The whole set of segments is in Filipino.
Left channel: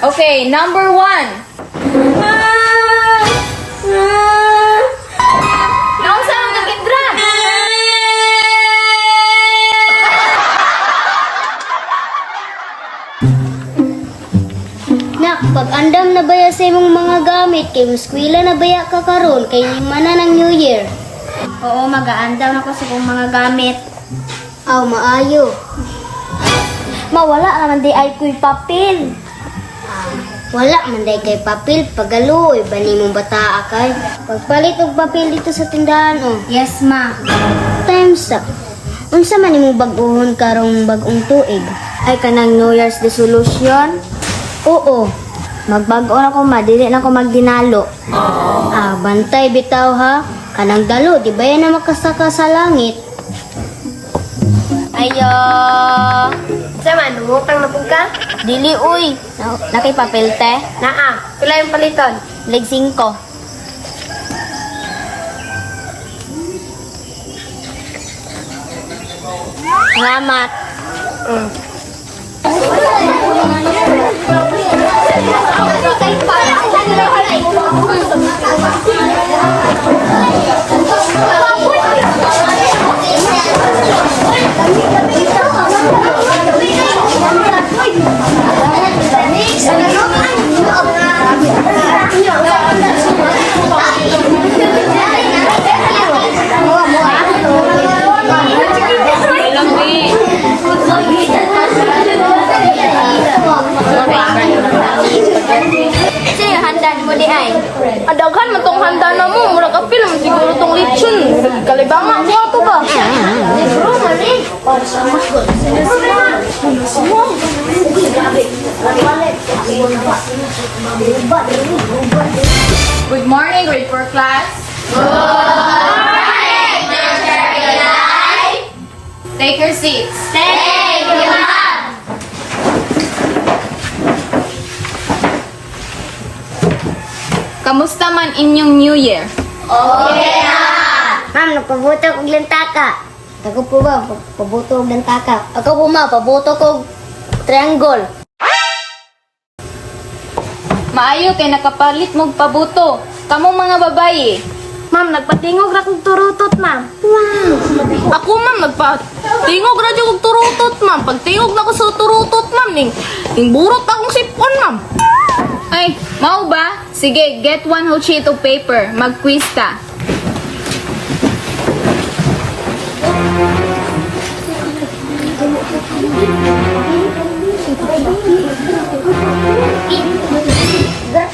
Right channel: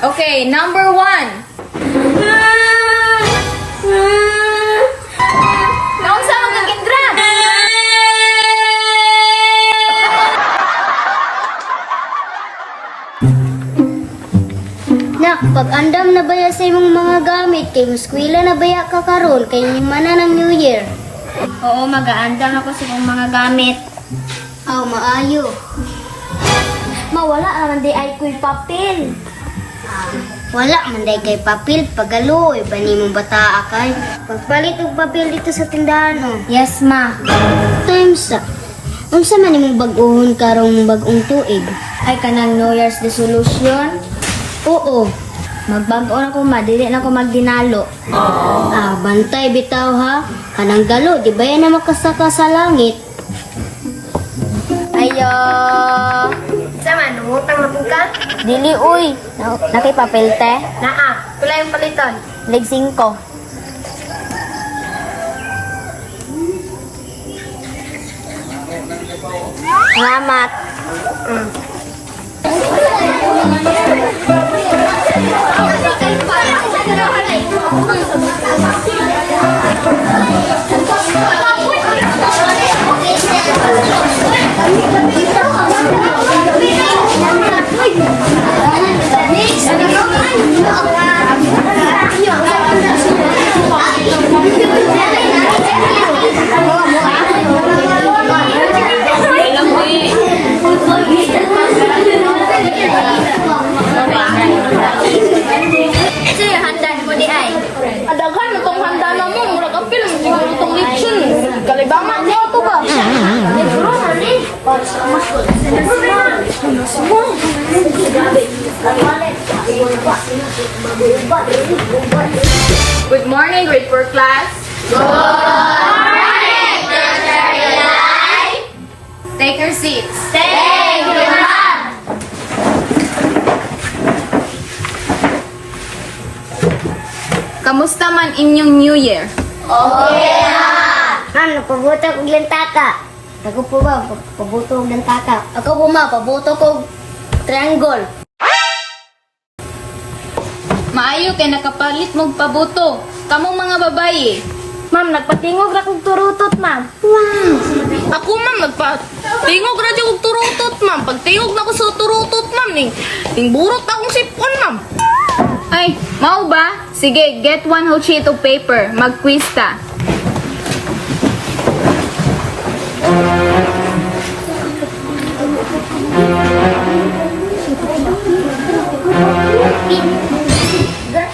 Okay, number 1. Naunsa man kang Kendra? Nak, pag-andam na baya sa imong mga gamit, kay muskwila na baya ka karon kay mana ng New Year. Oo, mag-aandam ako sa kong mga gamit. Aw, maayo. Mawala naman di ay kuy papel. Wala man day kay papel, pagaloy, bani mong bata akay. Pagpalit og papel dito sa tindahan, oh. Yes, ma. Times up. Unsa man imong bag-ohon karong bag-ong tuig? Ay kanang New Year's resolution. Oo. Magbago na ko, madili na ko magdinalo. Ah, bantay bitaw ha. Kanang dalo, di ba yan na makasaka sa langit? Ayo. Sama, lumutang na po ka? Dili, uy. Nakay papel, te? Naa. Pila yung paliton? Leg 5. Salamat. Adaghan man tong handa na mo, murag apil man siguro tong lechon. Murag kalibanga niya to ba? Good morning, grade 4 class. Good morning, teacher. Take your seats. Thank you, ma'am. Kamusta man inyong New Year? Ma'am, nagpabuto ko lantaka. Ako po ba, pabuto ko lantaka. Ako po ma, pabuto ko triangle. Maayo kay nakapalit mong pabuto. Kamong mga babayi. Ma'am, nagpatingog na kong turutot, ma'am. Ako ma'am, nagpatingog na dyan kong turutot ma'am. Pagtingog na ko sa turutot ma'am, ning burot akong sipon ma'am. Ay, mau ba? Sige, get one whole sheet of paper. Mag-quiz ta.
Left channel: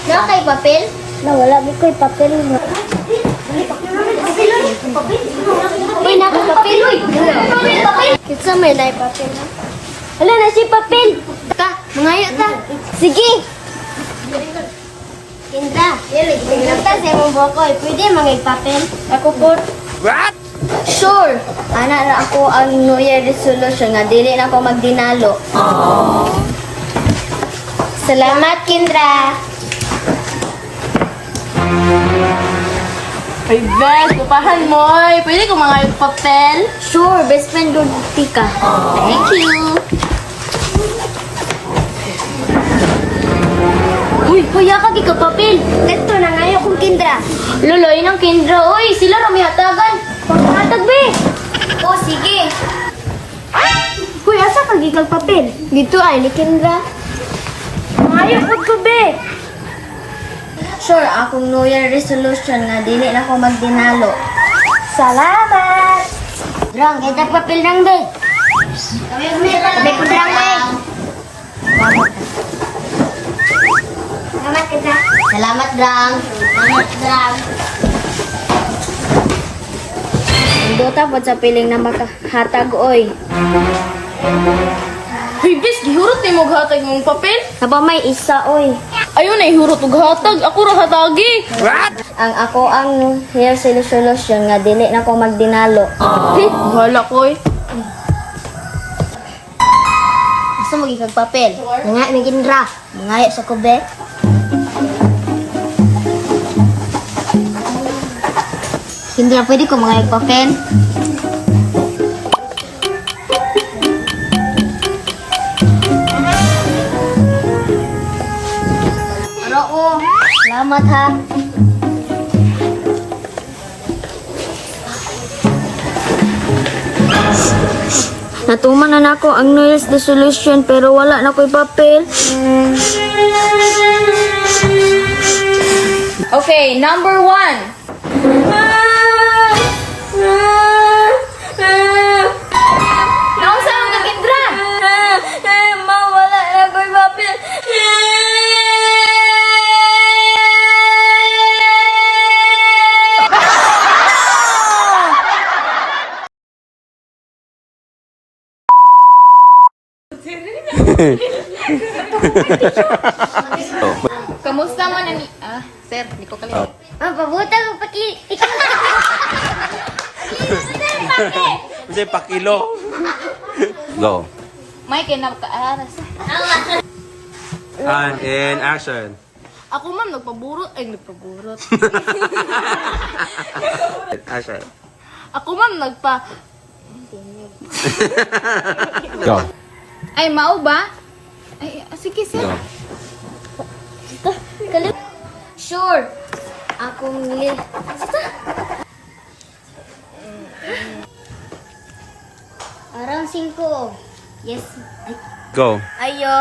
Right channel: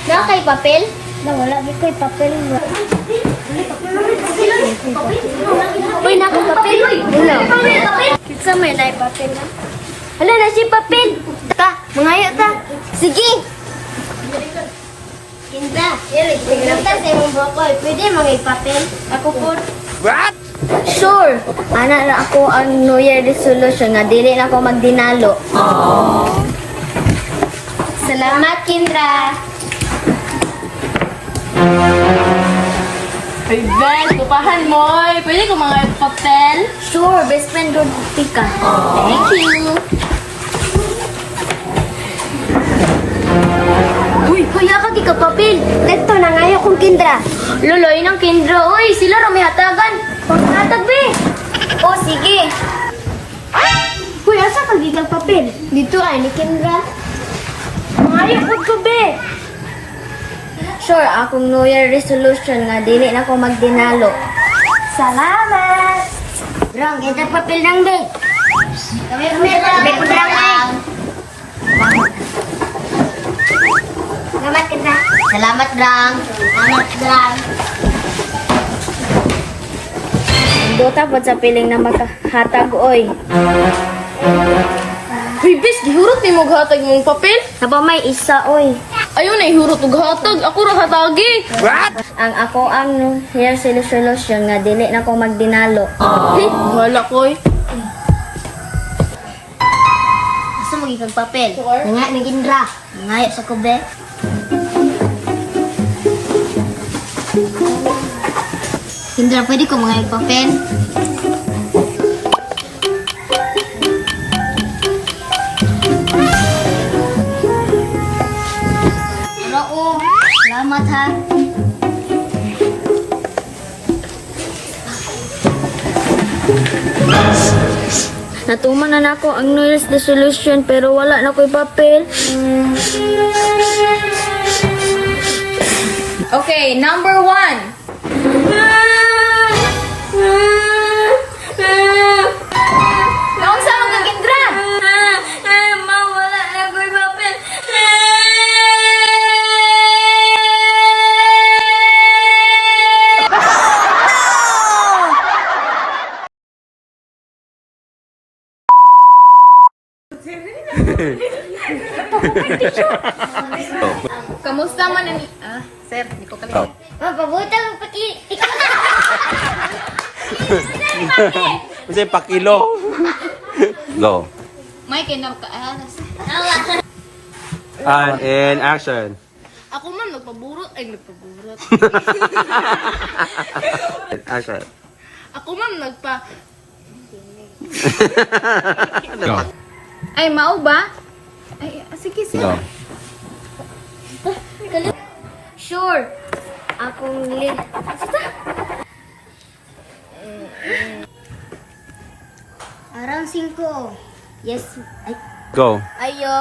Na kay papel? Wala di ko'y papel mo. Uy, na ko papel. Uy, kitsa may na papel na. Wala na si papel. Ka, mangayo ta. Sige. Kinta, kinta sa imong bukoy. Pwede mga papel? Ako po. Sure. Ana na ako ang New Year resolution nga dili na ako magdinalo. Salamat, Kendra. Ay, best, pupahan mo. Pwede ko mga papel? Sure, best friend do tika. Thank you. Uy, kuya ka di ka papel. Ito na ngayon kong Kendra. Luloy ng Kendra. Uy, sila ramihatagan. Pagkatag, be. O, sige. Uy, asa ka gigag papel? Dito ay ni Kendra. Mangayo po ko, be. Sure, akong New Year resolution nga dili na ako magdinalo. Salamat. Drang, kita papel ng be. Kami lang. Salamat, Kendra. Salamat, Drang. Salamat, Drang. Dota po sa piling na makahatag, oy. Uy, bes, gihurot ni mo hatag mong papel? Saba may isa, oy. Ayun na, ihurot og hatag. Ako ra hatagi. Ang ako ang New Year resolution nga dili na ako magdinalo. Wala ko eh. Gusto mo gigag papel? Nga, ni Kendra. Ngayon sa kube. Kendra, pwede ko mga papel? oh. Salamat ha. Natuman na nako ang New Year's resolution pero wala na ko'y papel. Okay, number 1. Naunsa man kang gindra? Mawala na ko'y papel. Kamusta man ang... sir, di ko kalimutan. Pabuta mo pati. Kasi pakilo. Go. May kinakaaras. And in action. Ako ma'am, nagpaburot. Ay, nagpaburot. Action. Ako ma'am, Go. Ay, mao ba? Ay, sige, sir. Go. Sure. Akong Arang 5. Yes. Go. Ayo.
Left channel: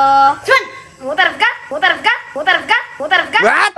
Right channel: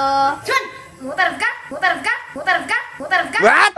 Juan! Mutarad ka? Mutarad ka? Mutarad ka? Mutarad ka? What?